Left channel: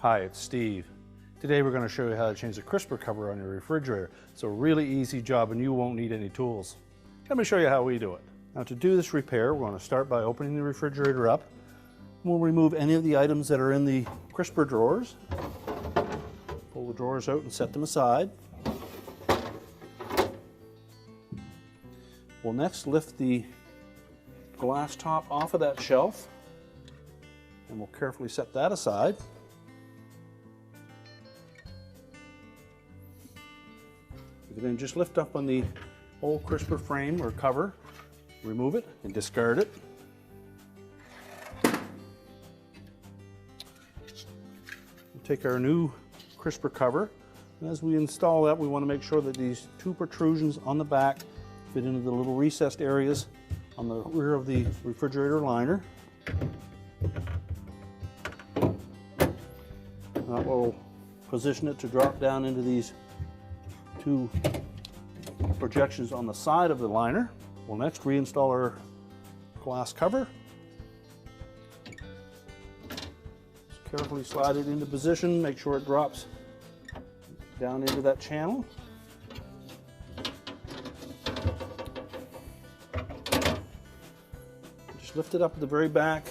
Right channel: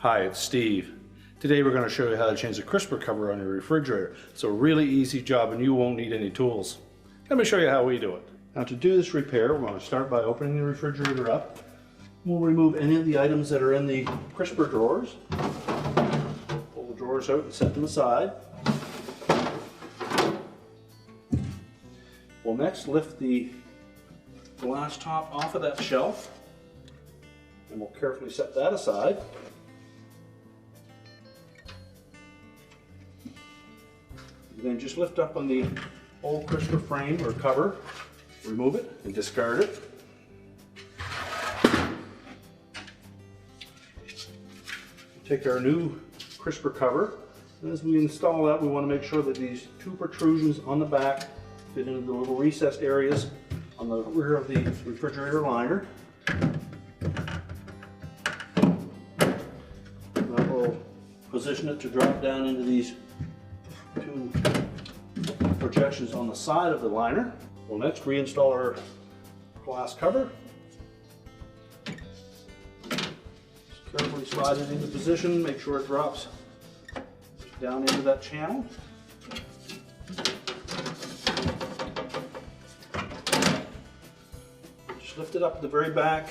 Hi, it's Steve. Today we're going to show you how to change the crisper cover on your refrigerator. It's a really easy job and you won't need any tools. Let me show you how we do it. Now to do this repair, we're going to start by opening the refrigerator up. We'll remove any of the items that are in the crisper drawers. Pull the drawers out and set them aside. We'll next lift the glass top off of that shelf and we'll carefully set that aside. Then just lift up on the whole crisper frame or cover, remove it and discard it. Take our new crisper cover. As we install that, we want to make sure that these two protrusions on the back fit into the little recessed areas on the rear of the refrigerator liner. That will position it to drop down into these two projections on the side of the liner. We'll next reinstall our glass cover. Carefully slide it into position, make sure it drops down into that channel. Just lift it up at the very back,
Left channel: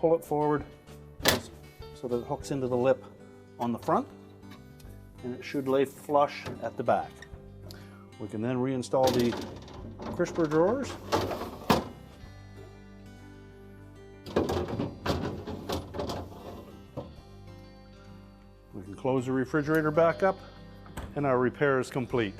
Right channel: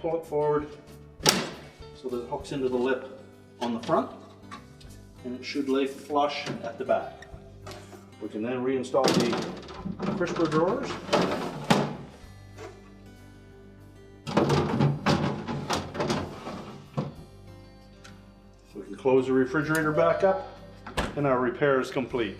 pull it forward so that it hooks into the lip on the front. And it should lay flush at the back. We can then reinstall the crisper drawers. We can close the refrigerator back up and our repair is complete.